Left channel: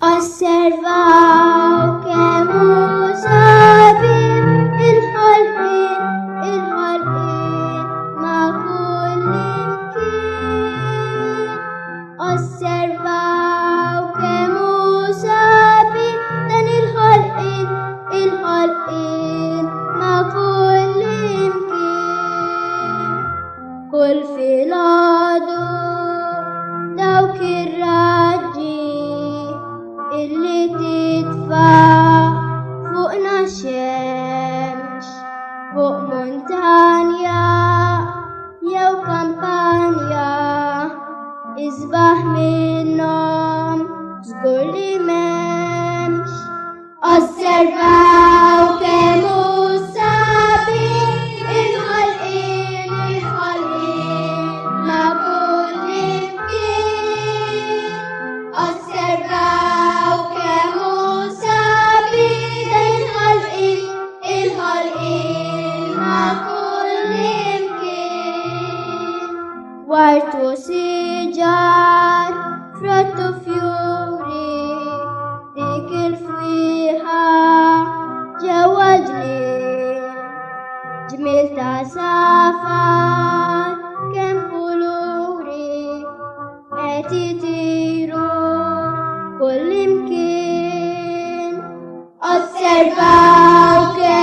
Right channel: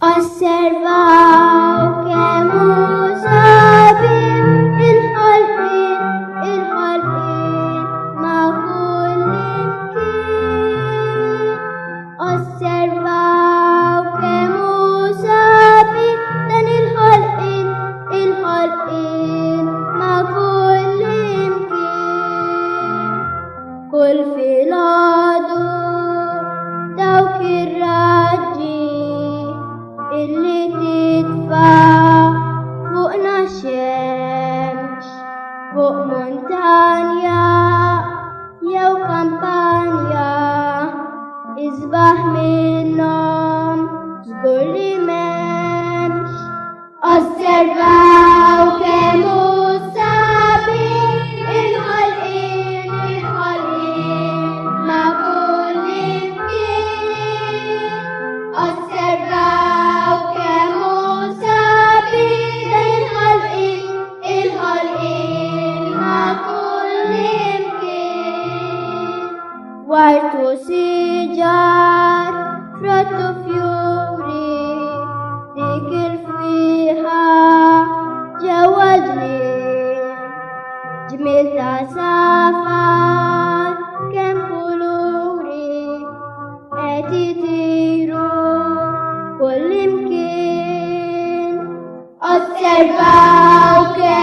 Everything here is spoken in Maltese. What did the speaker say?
Osservò che musabi الحلقين ما كل يمكن Osservò che musabi الحلقين ما كل يمكن كل في العدو دوك الرجي اللي تدفع فوقنا الشمس فوق مونتانيا يا وكامبانيا اذبح منهم زجر لي ممش Osservò che musabi الحلقين ما كل يمكن Osservò che musabi الحلقين ما كل يمكن Warto sijar frutto fiori ذكر فيها جوجني جميل تسافر كم قلوري اتي تيرو كل يمكن Osservò che